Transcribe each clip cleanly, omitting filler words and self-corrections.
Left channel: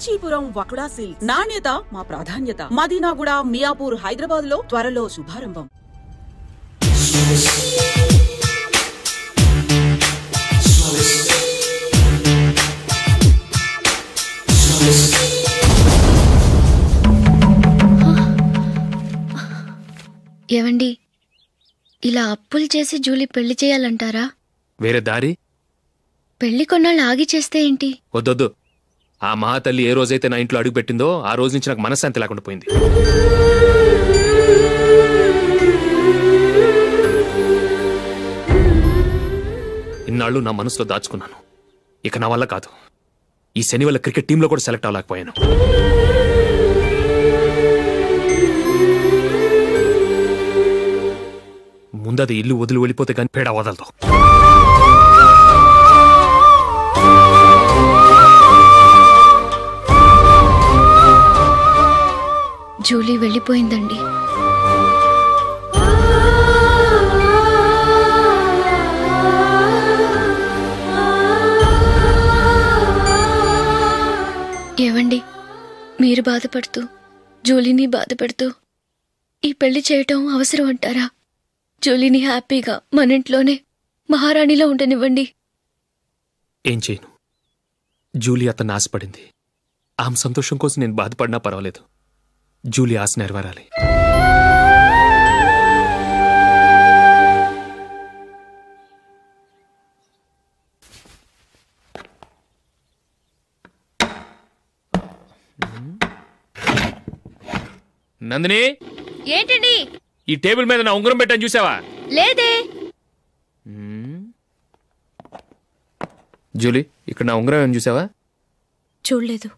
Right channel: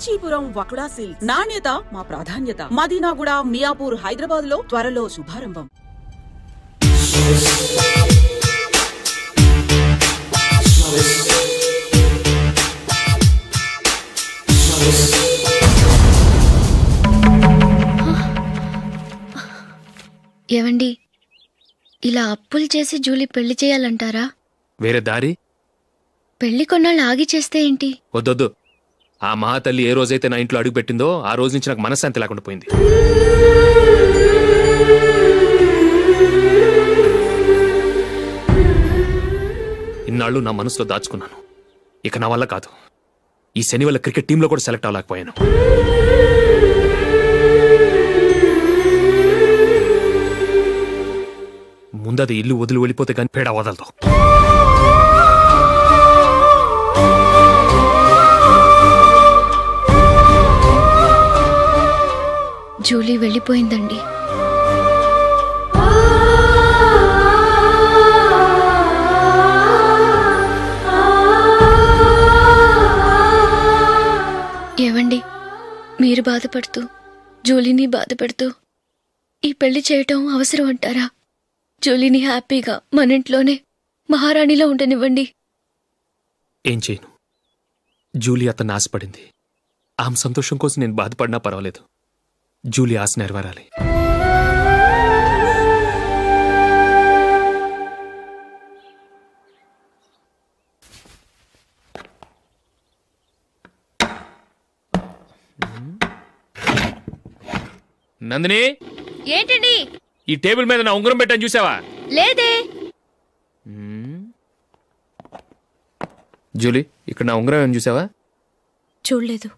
Kanchipuram వకుడా silks. నాణ్యత మా ప్రాధాన్యత. మదీనాగూడ, మియాపూర్, హైదరాబాద్ లో త్వరలో శుభారంభం. ఏవండి, ఇలా అప్పులు చేసి జూలీ పెళ్లి చేయాలంటారా? వేరే దారి? పెళ్లి కొన్నాళ్ళు ఆగి చేస్తే ఏంటి? వద్దొద్దు. ఆ మహాతల్లి ఏ రోజైతే నా ఇంట్లో అడుగు పెట్టిందో ఆ రోజు నుంచి నాకు మనశ్శాంతి లేకుండా పోయింది. ఇన్నాళ్ళు నా మనసులో దాచుకున్నాను. ఇక నా వల్ల కాదు. ఈ శని వల్ల క్రికెట్ టీంలో కూడా సెలెక్ట్ అవ్వలేకపోయాను. ముందది ఇల్లు వదిలి వెళ్ళిపోతే కానీ పేడ వదలదు. జూలీ వెళ్ళిపోయిందండి. ఏవండి, మీరు బాధపడుతూ జూలీని బాధపడుతూ ఈ పెళ్లి చేయటం అవసరం అంటారా? జూలీని హ్యాపీగా మన ఇంట్లోనే మహారాణిలో ఉండనివ్వండి. ఏం చేయను? జూలీ అతన్ని ఆశపడింది. ఆమె సంతోషం కోసం నేను బాధపడినా పర్వాలేదు. జూలీ ఆశ నెరవేరాలి. నందిని, ఏంటండి? ఈ టేబుల్ మీద నా ఉంగరం పెట్టని చూసావా? లేదే. జూలీ, ఇక్కడ నా ఉంగరం ఏమని చూసావా? చూడలేదు.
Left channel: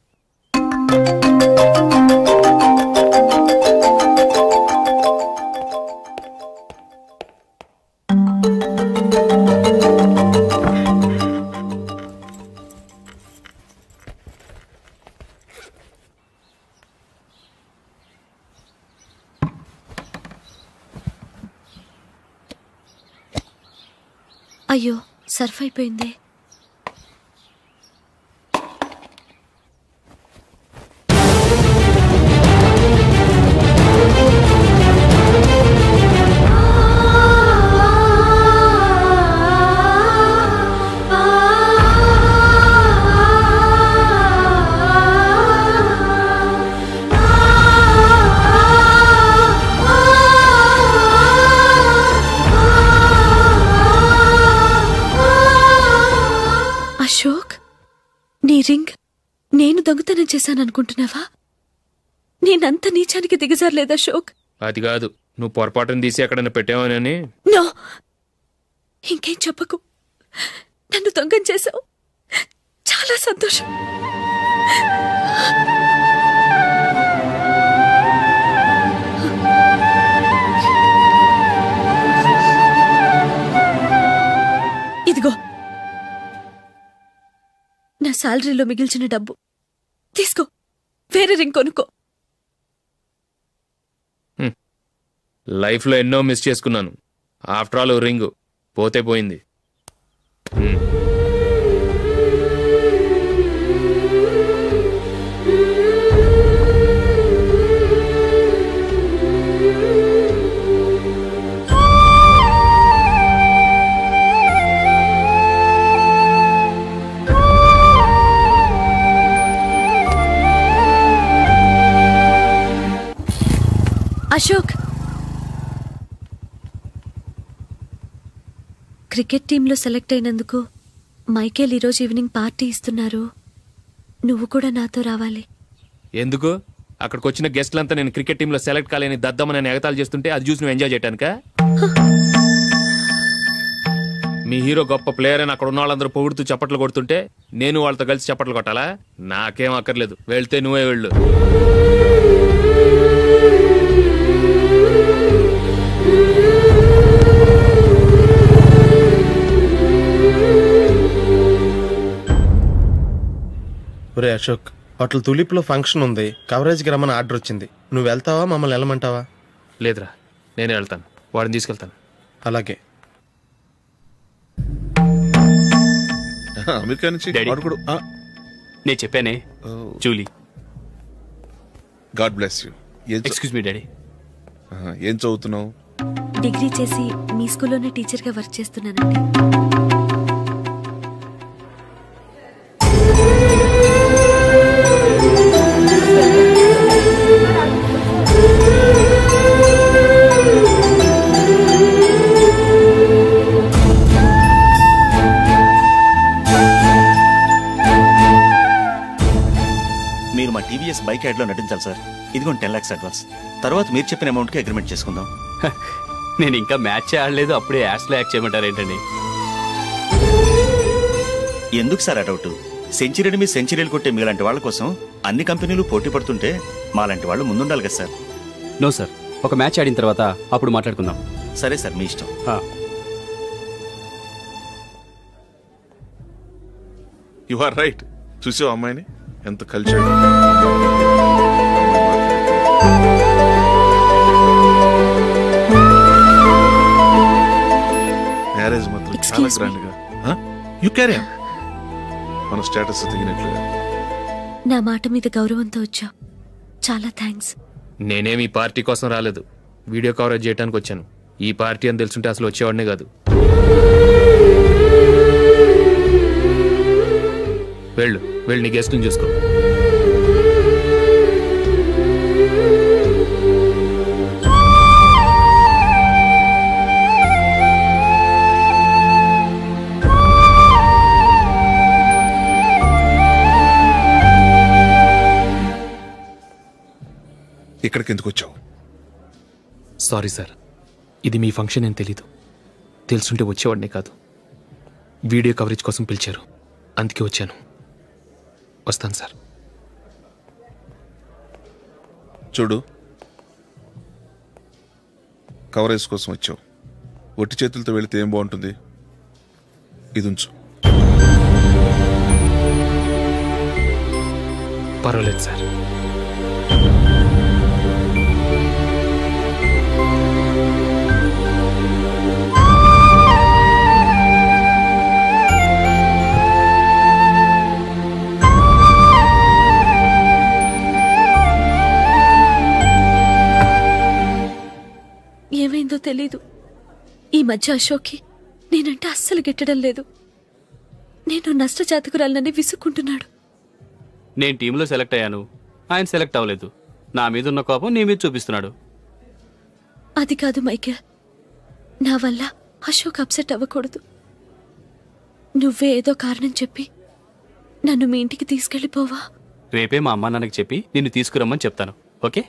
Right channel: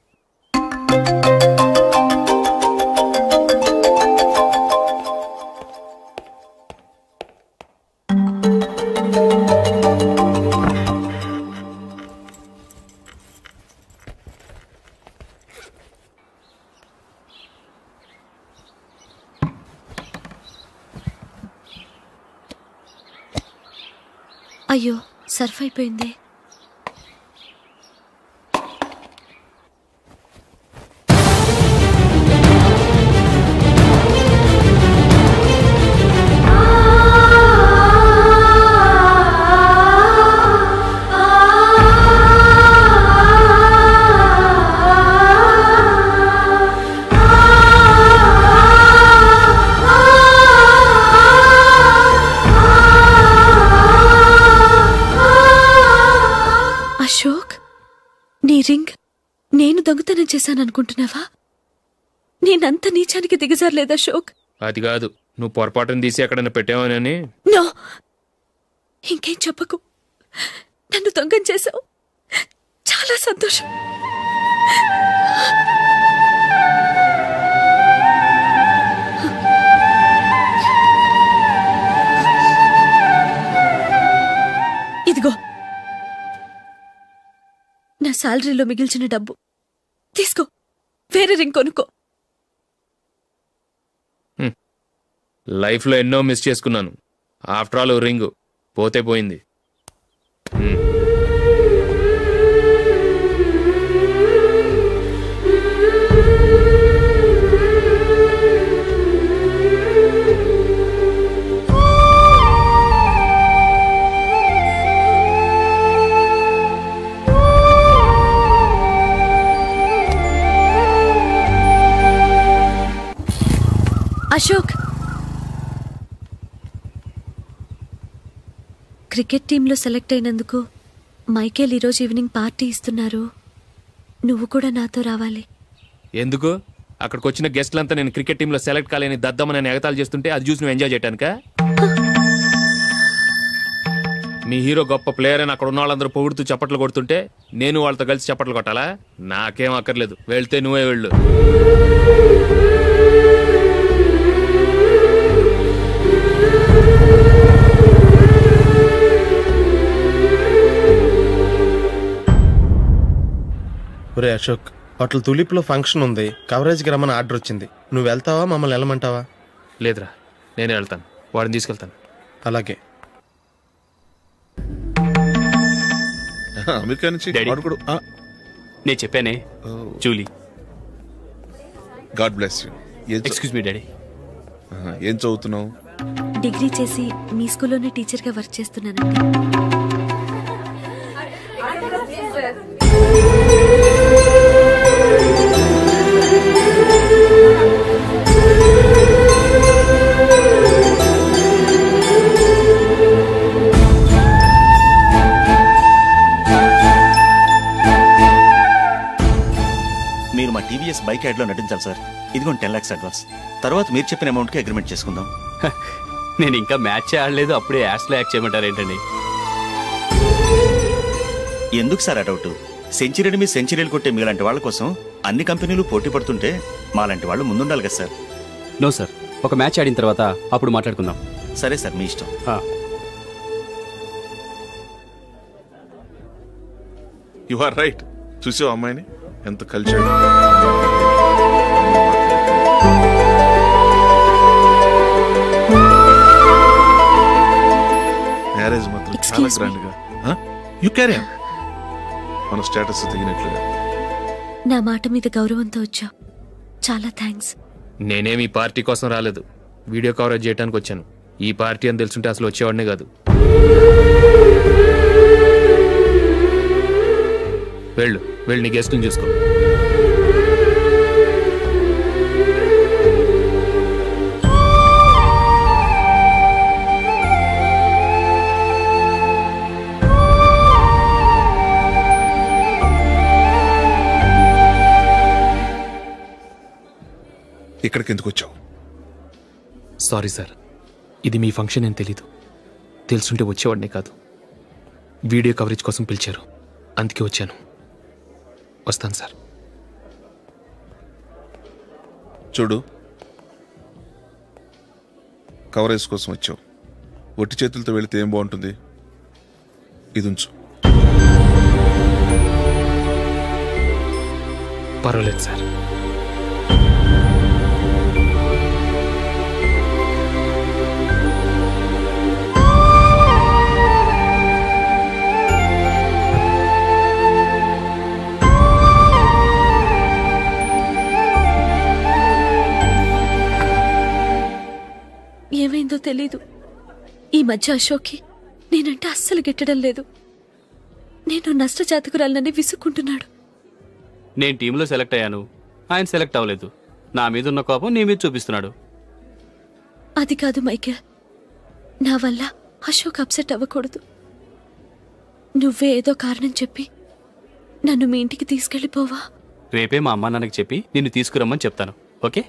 అయ్యో, సర్ఫ్ అయిపోయింది. అశోక్, నీ రింగ్ నేను దొంగతనం చేశాననుకుంటున్నావా? నేనంత నీచానికి దిగజారలేదు అశోక్. అది కాదు, నువ్వు పొరపాటును తీసి ఎక్కడైనా పెట్టావని. నో, ఇంకేం చెప్పకు. నన్ను దొంగం చేశావు. చాలా సంతోషం. ఇదిగో నా శాలరీలో మిగిల్చిన డబ్బు తీసుకో. వేరే రింగ్ కొనుక్కో. లైఫ్లో ఎన్నో మిస్ చేసుకున్నాను. ఆఫ్టర్ ఆల్ రింగ్ పోతే పోయింది. అశోక్, క్రికెట్ టీంలో సెలెక్ట్ అయినందుకు మైకేల్ ఈరోజు ఈవినింగ్ పార్టీ ఇస్తున్నారు. నువ్వు కూడా నాతో రావాలి. ఎందుకు? అక్కడికి వచ్చిన గెస్ట్లంతా నేను క్రికెట్ టీంలో సెలెక్ట్ కాలేని దద్దమని ఎగతాలు చేస్తుంటే అది చూసి నువ్వు ఎంజాయ్ చేయటానికా? మీ హీరో గొప్ప ప్లేయర్ అని అక్కడ ఉన్న వాళ్ళందరూ పొగుడుతూ చప్పట్లు కొడుతుంటే నేను వాళ్ళతో కలిసి చప్పట్లు కొట్టాలా? నాకేం అక్కర్లేదు. వెళ్తే నువ్వే వెళ్ళు. ఒరే అశోక్, హోటల్ తులిప్లో ఫంక్షన్ ఉంది. కవరేజ్కి రమ్మని ఆర్డర్ వచ్చింది. నువ్వు వెళ్తావా, మమ్మల్ని వెళ్ళమంటావా? లేదురా, నేనే వెళ్తాను. వాడిని తీసుకెళ్తాను. అలాగే. అమెరికా నుంచి నేను చెప్పానే, Julie. God bless you. Excuse me daddy. ఏం చదువుతున్నావు? డిగ్రీ చేసి మీ స్కూల్లోనే టీచర్గా వర్క్ చేస్తున్నానండి. మీరు మా టీవీఎస్ బైక్ యాడ్లో నటించాలి సార్. ఇదిగోండి 10 lakhs అడ్వాన్స్. తర్వాత మీరు చెప్పిన అమౌంట్కి అగ్రిమెంట్ చేసుకుందాం. నేను ఇంకా మ్యాచ్ ఆడలేదు, అప్పుడే యాడ్స్లో యాక్ట్ చేయమంటారు ఏంటండి? ఎందుకు సార్ ఆ డౌట్? సెంచరీని మీ సెంచరీలు కొట్టే మీలాంటి వాళ్ళ కోసం అన్ని కంపెనీలు పోటీ పడుతుంటే మాలాంటి వాళ్ళు ముందుండాలి కదా సార్. నో సార్, ఒక మ్యాచ్ ఆడిన తర్వాత అప్పుడు మాట్లాడుకుందాం. సరే సార్, మీ ఇష్టం. You are right. చూసావు అమ్మాయిని ఎంత కల్చర్డ్. మ్యారేజ్ మాత్రం చాలా గ్రాండ్ గా. You carry on. మన స్టేటస్ తగినట్లుగా. నా మాట మీద గౌరవంతో వచ్చావు, చాలా థ్యాంక్స్. నేనేమి ఈ పార్టీ కోసం రాలేదు, వీడియో కవరేజ్ చేయడానికి వచ్చాను. ఈ పార్టీ అని తెలుసుంటే అసలు వచ్చేవాడినే కాదు. వెళ్ళు నీ గెస్ట్ని చూసుకో. ఇక్కడికి ఎందుకు వచ్చావు? సారీ సార్, ఇది మీ ఫంక్షన్ అని తెలీదు. తెలుసుంటే వచ్చేవాడినే కాదు. వీడియో కవరేజ్ కోసం పిలిచారు, అందుకే వచ్చాను. వస్తాను సార్. చూడు, కవరేజ్ కోసం వచ్చావు. ఒట్టి చేతులతో వెళితే ఏం బాగుంటుంది? ఇది ఉంచు. పర్వాలేదు సార్. ఏమైందో తెలీదు, ఈ మధ్య అశోక్కి నేనంటే అస్సలు గిట్టడం లేదు. నేను నష్టజాతకురాలనని విసుక్కుంటున్నాడు. నేను టీంలో సెలెక్ట్ అయ్యాను, ఆయన సెలెక్ట్ అవ్వలేదు. నా మీద ఉన్న కోపం నీ మీద చూపిస్తున్నాడు. అది కాదు మైకేల్, నా వల్ల అశోక్ అప్సెట్ అవ్వకూడదు. నువ్వే ఏదో కారణం చెప్పి నన్ను మీ ఇంటికి తీసుకెళ్ళిపోవా? రేపే మా అమ్మ నాన్నకి చెప్పి నిన్ను తీసుకురమ్మని చెప్తాను. ఓకే?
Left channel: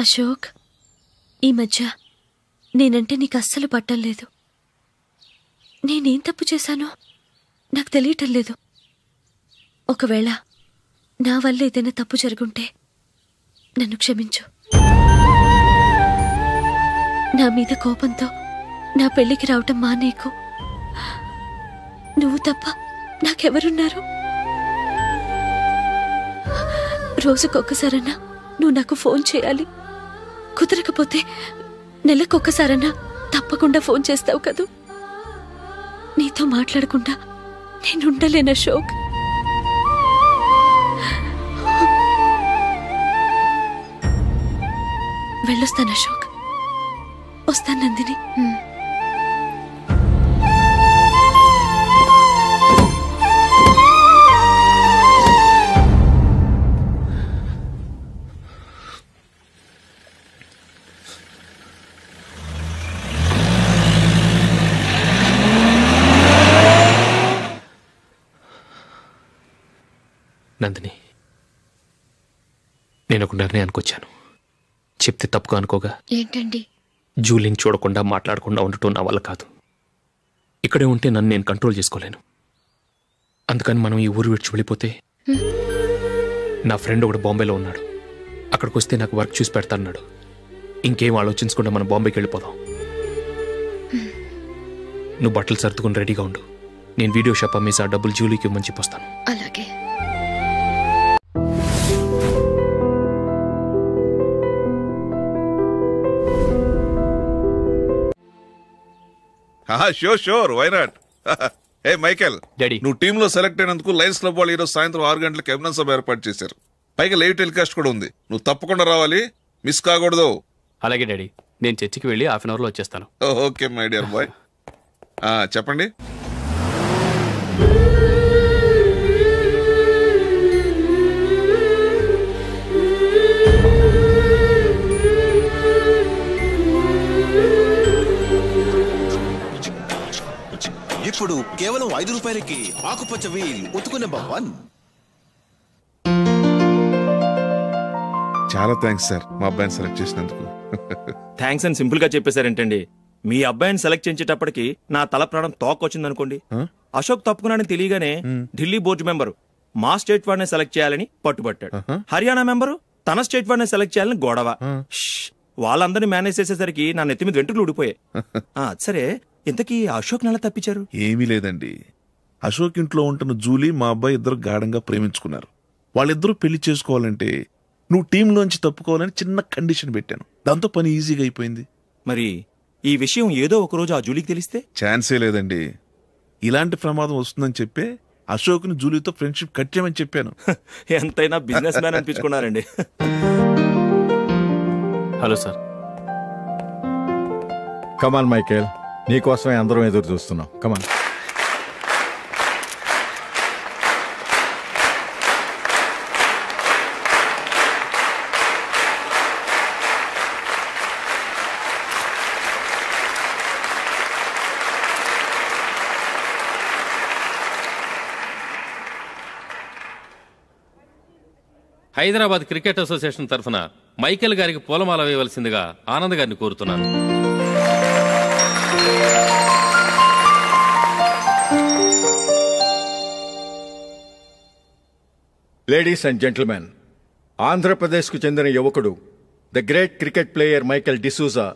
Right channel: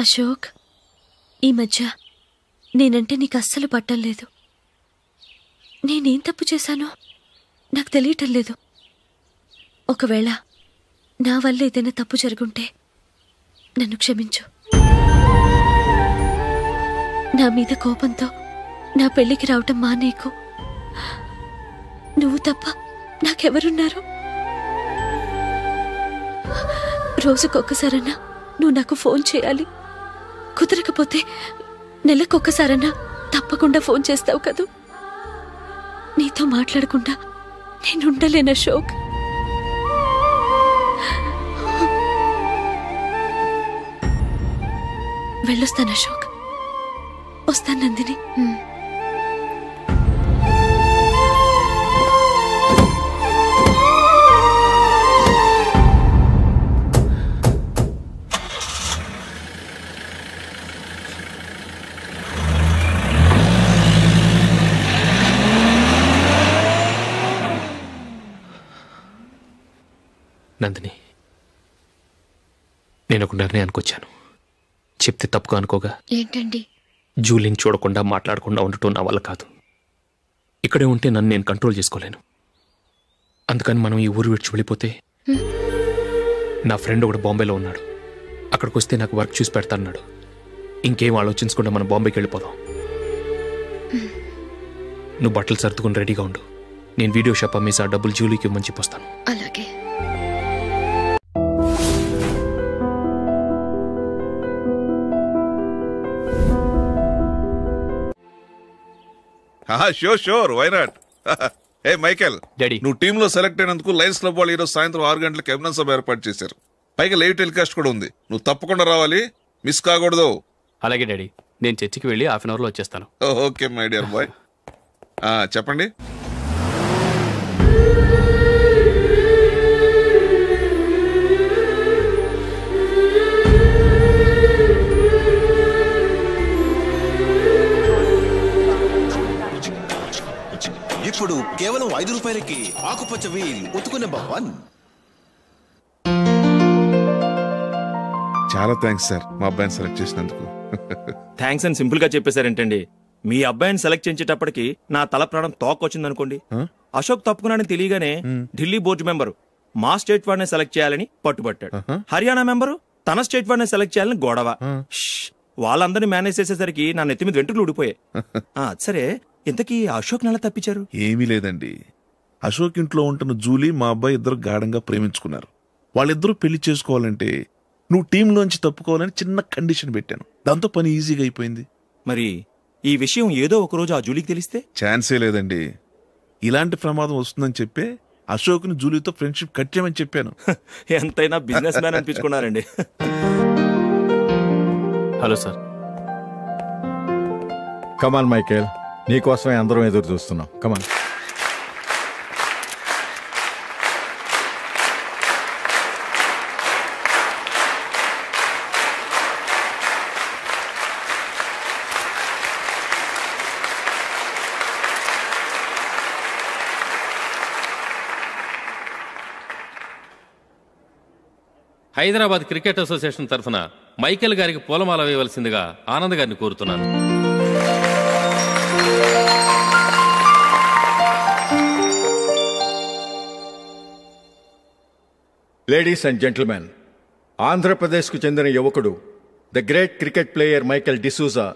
అశోక్, ఈ మధ్య నేనంటే నీకు అస్సలు పట్టం లేదు. నేనేం తప్పు చేశానో నాకు తెలియటం లేదు. ఒకవేళ నా వల్ల ఏదైనా తప్పు జరుగుంటే నన్ను క్షమించు. నా మీద కోపంతో నా పెళ్లికి రావటం మానేకు. నువ్వు తప్ప నాకెవరున్నారు? రోజుకొక్కసారన్నా నువ్వు నాకు ఫోన్ చేయాలి. కుదరకపోతే నెలకొక్కసారన్నా తప్పకుండా ఫోన్ చేస్తావు కదూ. నీతో మాట్లాడకుండా నేనుండలేను అశోక్. వెళ్ళొస్తాను అశోక్. వస్తాను నందిని. నందిని, నేను ఒక నిర్ణయానికి వచ్చాను. చెప్తే తప్పుగా అనుకోగా. ఏంటండి? జూలీని చూడకుండా మాట్లాడకుండా ఉండటం నా వల్ల కాదు. ఇక్కడే ఉంటే నన్ను నేను కంట్రోల్ చేసుకోలేను. అందుకని మనం ఈ ఊరు విడిచి వెళ్ళిపోతే, నా ఫ్రెండ్ ఒకడు బాంబేలో ఉన్నాడు, అక్కడికి వస్తే నాకు వర్క్ చూసి పెడతాన్నాడు. ఇంకేం ఆలోచించకుండా మనం బాంబేకి వెళ్ళిపోదాం. నువ్వు బట్టలు సర్దుకుని రెడీగా ఉండు. నేను వీడియో షాప్ అమ్మేసి ఆ డబ్బులు జూలీకి ఇవ్వమని చెప్పొస్తాను. అలాగే. Sure why not. ఏ మైకేల్, డాడీ, నువ్వు టీంలో సెలెక్ట్ అయినందుకు లయన్స్ క్లబ్ వాళ్ళు ఈరోజు సాయంత్రం 6 గంటలకు అభినందన సభ ఏర్పాటు చేశారు. పైగా లైవ్ టెలికాస్ట్ కూడా ఉంది. నువ్వు తప్పకుండా రావాలి, మిస్ కాకూడదు. అలాగే డాడీ, నేను చర్చికి వెళ్ళి హాఫ్ అన్ అవర్లో వచ్చేస్తాను. Okay my dear bye. చెప్పండి. ఇప్పుడు కేవలం 5 రూపాయలకి ఆకుపచ్చ వీల్ ఉతుకునే భవన్. చాలా థ్యాంక్స్ సార్ మా అబ్బాయిని సెలెక్ట్ చేసినందుకు. థ్యాంక్స్ అని సింపుల్ గా చెప్పేశారేంటండి? మీ అబ్బాయిని సెలెక్ట్ చేసేటప్పటికి నా తల ప్రాణం తోకొచ్చిందనుకోండి. అశోక్ తప్పుకున్నాడని తెలియగానే ఢిల్లీ బోర్డు మెంబరు మా స్టేట్ వాడిని సెలెక్ట్ చేయాలని పట్టుబట్టాడు. హర్యానా మెంబరు తన స్టేట్ వాడిని సెలెక్ట్ చేయాలని గొడవ. వాళ్ళందరినీ మేనేజ్ చేసేసరికి నా నెత్తి మీద వెంట్రుకలు ఊడిపోయాయి. సరే, ఇంతకీ అశోక్ నెల తప్పించారు? ఏమీ లేదండి. అశోక్ ఇంట్లో ఉంటున్న జూలీ మా అబ్బాయి ఇద్దరు గాఢంగా ప్రేమించుకున్నారు. వాళ్ళిద్దరూ పెళ్లి చేసుకోవాలంటే నువ్వు టీంలోంచి తప్పుకోవాలని చిన్న కండిషన్ పెట్టాను. దాంతో పని ఈజీగా అయిపోయింది. మరి ఈ విషయం ఏదో ఒకరోజు ఆ జూలీకి తెలిస్తే? ఛాన్సే లేదండి. ఇలాంటి ప్రమాదం వస్తుందని చెప్పే అశోక్ని జూలీతో ఫ్రెండ్షిప్ కట్ చేయమని చెప్పాను. ఎంతైనా బిజినెస్ మ్యాన్ అనిపించుకున్నారండి. Hello sir. కమాన్ మైకేల్, నీకోసమే అందరం ఎదురు చూస్తున్నాం. కమాన్. హైదరాబాద్ క్రికెట్ అసోసియేషన్ తరఫున మైకేల్ గారికి పూలమాల వేయవలసిందిగా ఆనంద్ గారిని కోరుతున్నాను. లేడీస్ అండ్ జెంటిల్మెన్, ఆంధ్రప్రదేశ్కు చెందిన యువకుడు the great cricket player Michael D'Souza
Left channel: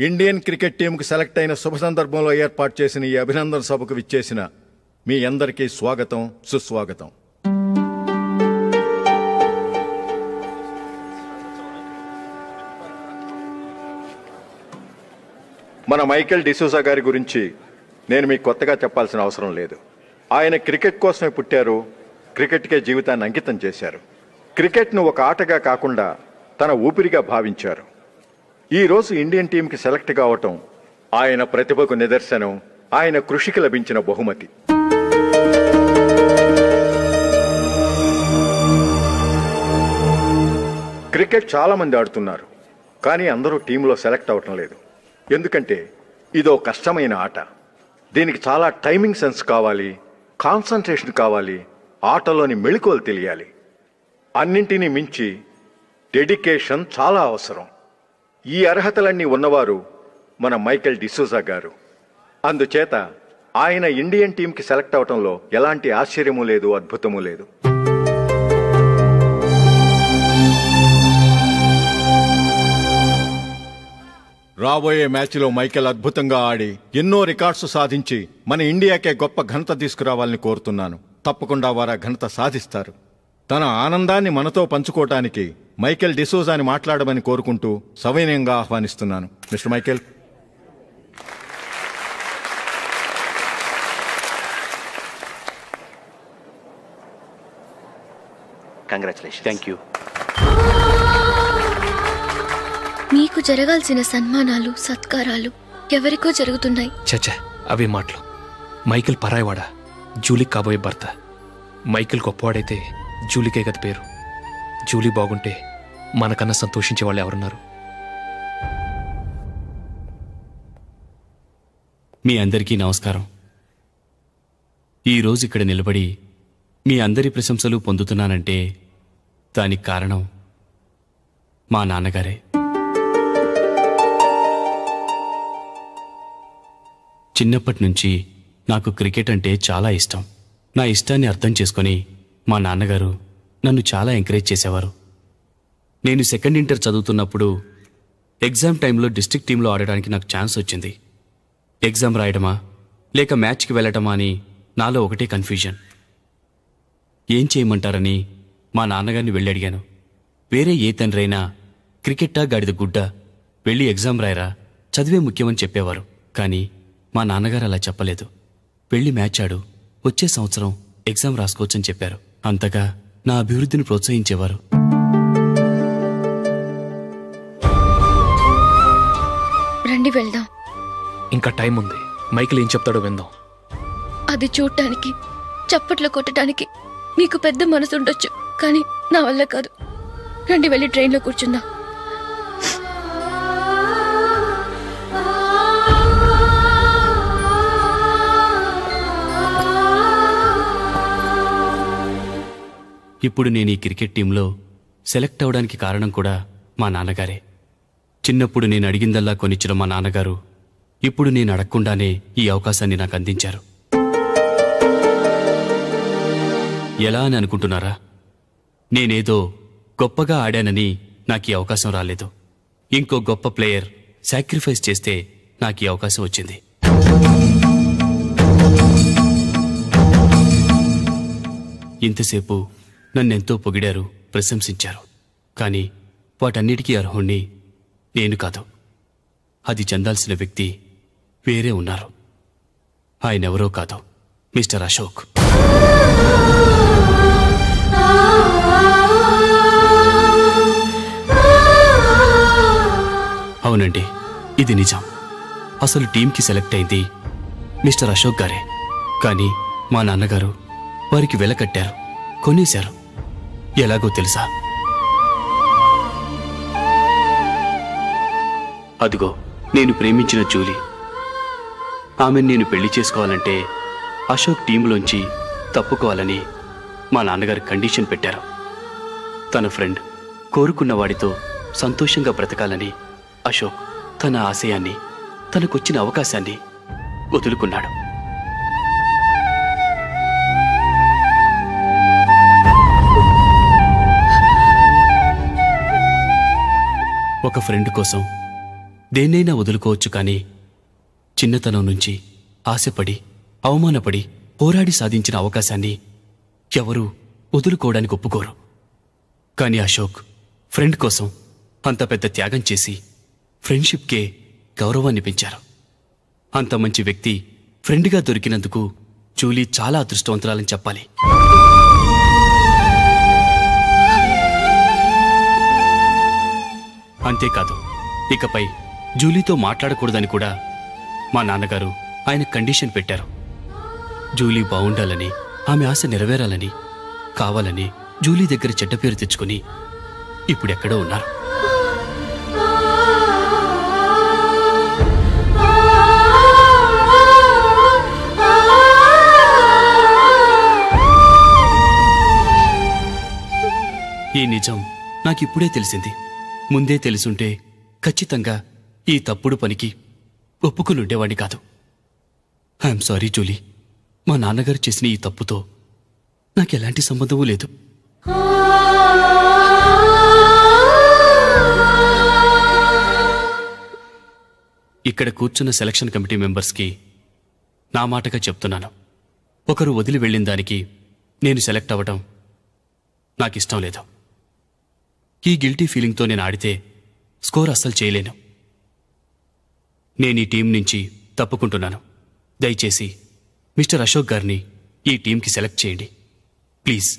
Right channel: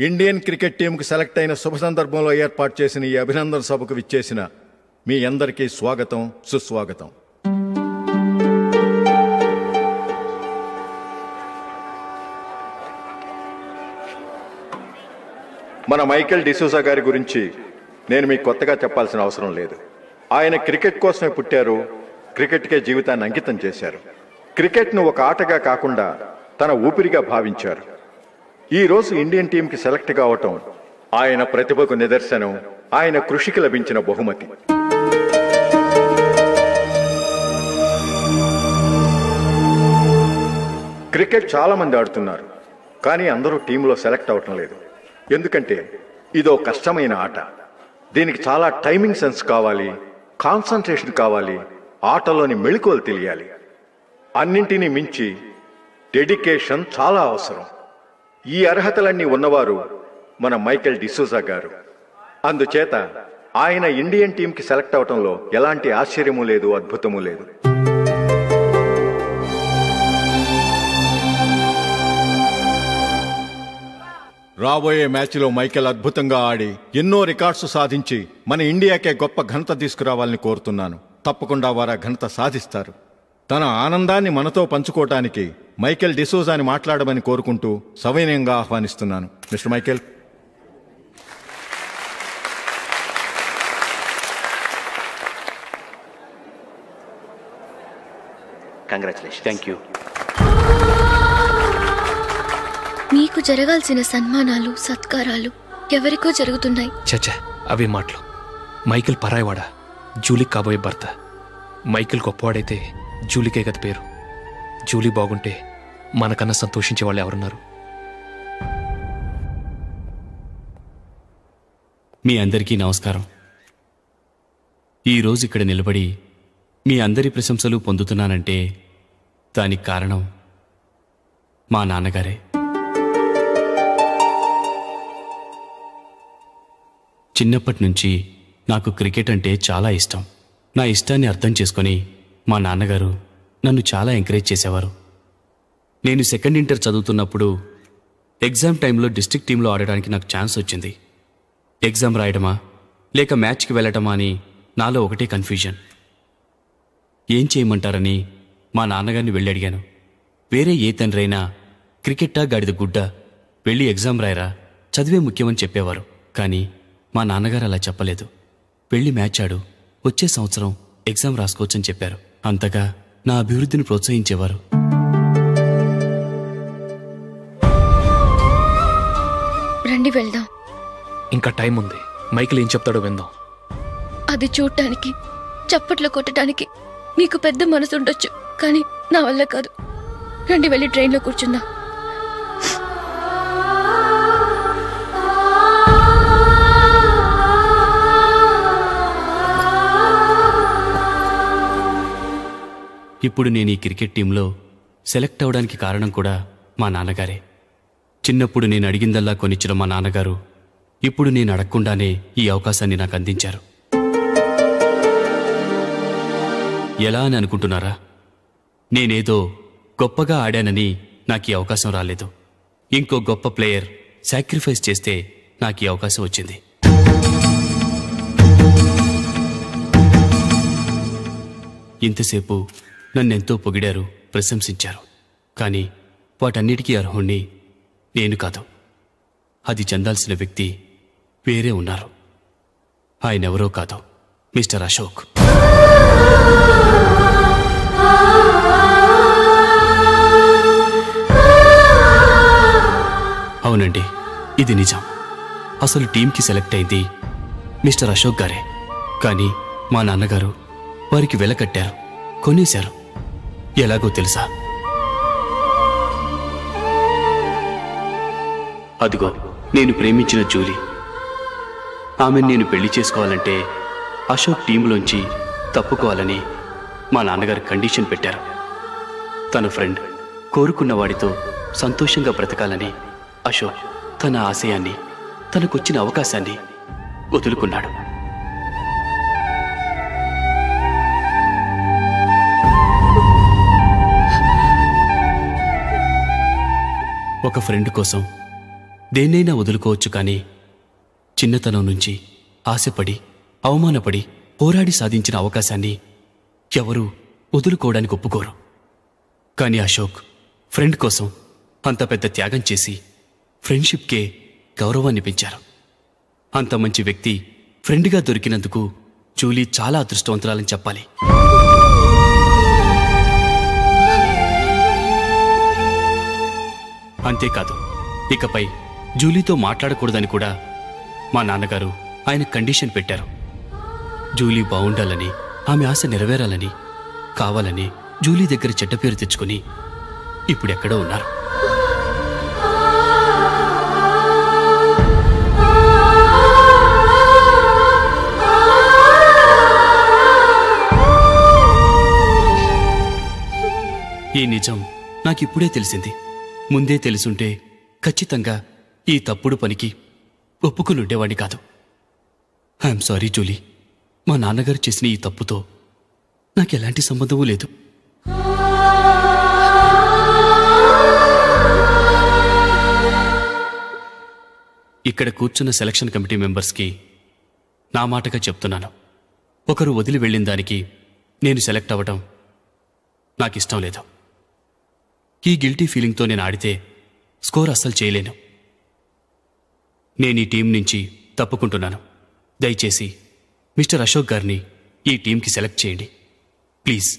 Indian cricket టీంకు సెలెక్ట్ అయిన శుభ సందర్భంలో ఏర్పాటు చేసిన ఈ అభినందన సభకు విచ్చేసిన మీ అందరికీ స్వాగతం, సుస్వాగతం. మన మైకేల్ డిసూజా గారి గురించి నేను మీకు కొత్తగా చెప్పాల్సిన అవసరం లేదు. ఆయన క్రికెట్ కోసమే పుట్టారు, క్రికెట్కే జీవితాన్ని అంకితం చేశారు. క్రికెట్ను ఒక ఆటగా కాకుండా తన ఊపిరిగా భావించారు. ఈరోజు ఇండియన్ టీంకి సెలెక్ట్ కావటం ఆయన ప్రతిభకు నిదర్శనం, ఆయన కృషికి లభించిన బహుమతి. క్రికెట్ చాలా మంది ఆడుతున్నారు, కానీ అందరూ టీంలో సెలెక్ట్ అవటం లేదు. ఎందుకంటే ఇదో కష్టమైన ఆట. దీనికి చాలా టైమింగ్ సెన్స్ కావాలి, కాన్సంట్రేషన్ కావాలి, ఆటలోని మెళకువలు తెలియాలి. అన్నింటినీ మించి డెడికేషన్ చాలా అవసరం. ఈ అర్హతలన్నీ ఉన్నవారు మన మైకేల్ డిసూజా గారు. అందుచేత ఆయన ఇండియన్ టీంకి సెలెక్ట్ అవటంలో ఎలాంటి ఆశ్చర్యమూ లేదు, అద్భుతమూ లేదు. రాబోయే మ్యాచ్లో మైకేల్ అద్భుతంగా ఆడి ఎన్నో రికార్డ్స్ సాధించి మన ఇండియాకే గొప్ప ఘనత తీసుకురావాలని కోరుతున్నాను. తప్పకుండా వారు ఆ ఘనత సాధిస్తారు. తన ఆనందాన్ని మనతో పంచుకోవటానికి మైకేల్ డిసూజాని మాట్లాడమని కోరుకుంటూ సవినయంగా ఆహ్వానిస్తున్నాను. Mister Michael. Congratulation. Thank you. మీకు జరగాల్సిన సన్మానాలు, సత్కారాలు ఎవరికో జరుగుతున్నాయి. చచ్చా, అవే మాటలు. మైకేల్ పరాయివాడా, జూలీకి కాబోయే భర్త. మైకేల్ గొప్పవాడైతే జూలీకే గది పేరు. జూలీ బాగుంటే మనకన్నా సంతోషించే వాళ్ళు ఎవరున్నారు? మీ అందరికీ నమస్కారం. ఈరోజు ఇక్కడ నిలబడి మీ అందరి ప్రశంసలు పొందుతున్నానంటే దానికి కారణం మా నాన్నగారే. చిన్నప్పటి నుంచి నాకు క్రికెట్ అంటే చాలా ఇష్టం. నా ఇష్టాన్ని అర్థం చేసుకొని మా నాన్నగారు నన్ను చాలా ఎంకరేజ్ చేసేవారు. నేను సెకండ్ ఇంటర్ చదువుతున్నప్పుడు ఎగ్జామ్ టైంలో డిస్ట్రిక్ట్ టీంలో ఆడడానికి నాకు ఛాన్స్ వచ్చింది. ఎగ్జామ్ రాయడమా, లేక మ్యాచ్కి వెళ్ళటమా అని నాలో ఒకటే కన్ఫ్యూజన్. ఏం చేయమంటారని మా నాన్నగారిని వెళ్ళి అడిగాను. వేరే ఏ తండ్రైనా క్రికెట్టా గాడిద గుడ్డ, వెళ్ళి ఎగ్జామ్ రాయరా, చదివే ముఖ్యమని చెప్పేవారు. కానీ మా నాన్నగారు అలా చెప్పలేదు. వెళ్ళి మ్యాచ్ ఆడు, వచ్చే సంవత్సరం ఎగ్జామ్ రాసుకోవచ్చని చెప్పారు. అంతగా నా అభివృద్ధిని ప్రోత్సహించేవారు. రండి వెళ్దాం. ఇంకా టైం ఉంది. మైకిల్ ఏం చెప్తాడో విందాం. అది చూడటానికి, చప్పట్లు కొట్టడానికి మీకు పెద్ద మనసు ఉండొచ్చు, కానీ నా వల్ల కాదు. రండి వెళ్ళి ట్రైన్లో కూర్చుందాం. ఇప్పుడు నేను ఈ క్రికెట్ టీంలో సెలెక్ట్ అవడానికి కారణం కూడా మా నాన్నగారే. చిన్నప్పుడు నేను అడిగిందల్లా కొనిచ్చిన మా నాన్నగారు ఇప్పుడు నేను అడగకుండానే ఈ అవకాశాన్ని నాకు అందించారు. ఎలా అని అనుకుంటున్నారా? నేనేదో గొప్పగా ఆడానని నాకు ఈ అవకాశం రాలేదు. ఇంకో గొప్ప ప్లేయర్ సాక్రిఫైస్ చేస్తే నాకు ఈ అవకాశం వచ్చింది. ఇంతసేపు నన్నెంతో పొగిడారు, ప్రశంసించారు. కానీ వాటన్నిటికీ అర్హుణ్ణి నేను కాదు. అది చెందాల్సిన వ్యక్తి వేరే ఉన్నారు. ఆయనెవరో కాదు, మిస్టర్ అశోక్. అవునండి, ఇది నిజం. అసలు టీంకి సెలెక్ట్ అయింది మిస్టర్ అశోక్ గారే. కానీ మా నాన్నగారు వారికి వెల కట్టారు, కొనేశారు. ఎలాగో తెలుసా? అదిగో నేను ప్రేమించిన జూలీ. ఆమెను నేను పెళ్లి చేసుకోవాలంటే అశోక్ టీంలోంచి తప్పుకోవాలని మా నాన్నగారు కండిషన్ పెట్టారు. తన ఫ్రెండ్ కోరుకున్న వాడితో సంతోషంగా బ్రతకాలని అశోక్ తన ఆశయాన్ని, తనకొచ్చిన అవకాశాన్ని వదులుకున్నాడు. ఒక ఫ్రెండ్ కోసం దేన్నైనా వదులుకోవచ్చు, కానీ చిన్నతనం నుంచి ఆశపడి, అవమానపడి, పోరాడి సాధించిన అవకాశాన్ని ఎవరూ వదులుకోవడానికి ఒప్పుకోరు. కానీ అశోక్ ఫ్రెండ్ కోసం అంత పెద్ద త్యాగం చేసి ఫ్రెండ్షిప్కే గౌరవాన్ని పెంచారు. అంత మంచి వ్యక్తి ఫ్రెండ్గా దొరికినందుకు జూలీ చాలా అదృష్టవంతురాలని చెప్పాలి. అంతేకాదు, ఇకపై జూలీతో మాట్లాడకూడదని కూడా మా నాన్నగారు ఆయన కండిషన్ పెట్టారు. జూలీ బాగుండాలని, ఆమె ఆశ నెరవేరాలని, కావాలని జూలీ దగ్గర చెడ్డ పేరు తెచ్చుకుని ఇప్పుడెక్కడో ఉన్నారు. ఈ నిజం నాకిప్పుడే తెలిసింది. ముందే తెలుసుంటే ఖచ్చితంగా ఈ తప్పుడు పనికి ఒప్పుకుని ఉండేవాడిని కాదు. I'm sorry Julie. మా నాన్నగారు చేసిన ఈ తప్పుతో నాకెలాంటి సంబంధమూ లేదు. ఇక్కడ కూర్చున్న సెలక్షన్ కమిటీ మెంబర్స్కి నా మాటగా చెప్తున్నాను. ఒకరు వదిలి వెళ్ళిన దానికి నేను సెలెక్ట్ అవ్వడం నాకిష్టం లేదు. ఈ గిల్టీ ఫీలింగ్తో నేను ఆడితే స్కోర్ అస్సలు చేయలేను. నేను ఈ టీం నుంచి తప్పుకుంటున్నాను. దయచేసి మిస్టర్ అశోక్ గారిని ఈ టీంకి సెలెక్ట్ చేయండి ప్లీజ్.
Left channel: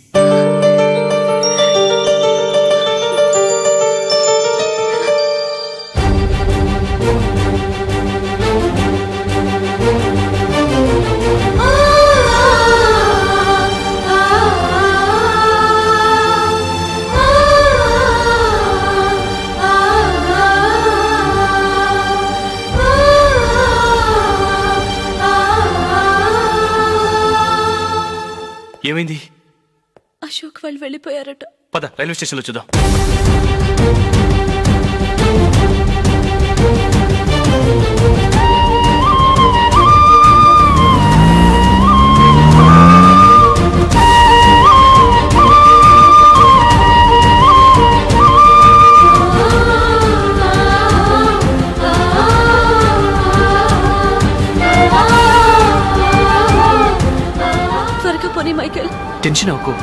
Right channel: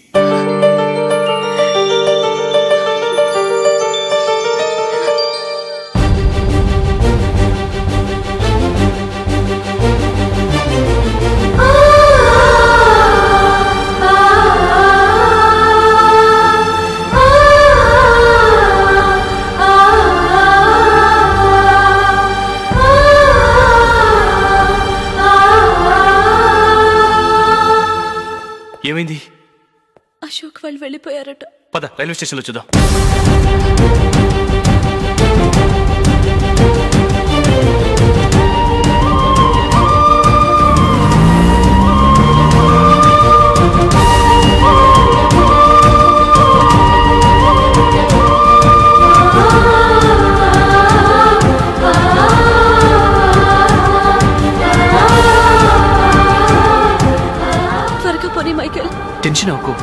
ఏమైంది? అశోక్ వాళ్ళు వెళ్ళిపోయారట. పద రైల్వే స్టేషన్లో చూద్దాం. పోనీ మైకేల్. టెన్షన్ అవ్వకు.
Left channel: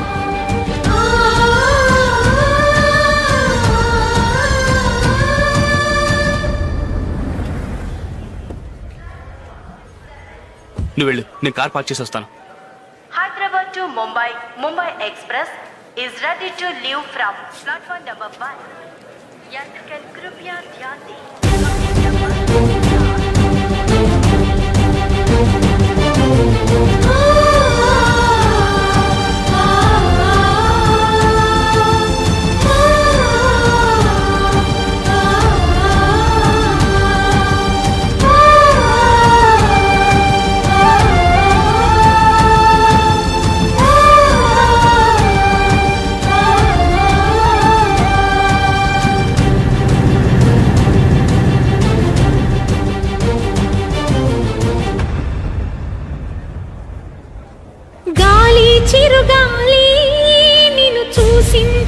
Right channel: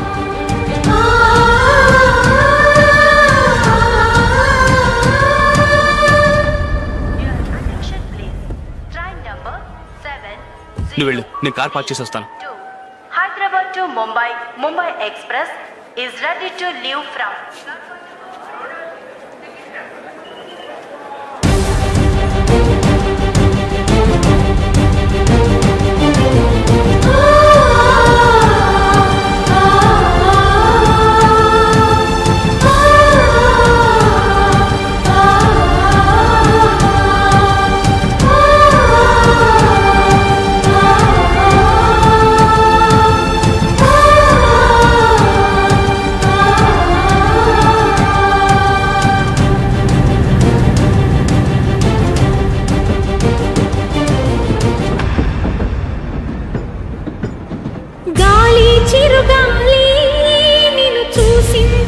నువ్వు వెళ్ళు, నేను కార్ పార్క్ చేసి వస్తాను. Hyderabad to Mumbai, Mumbai Express is ready to leave from platform number 1. చిరుగాలి నిన్ను చూసింది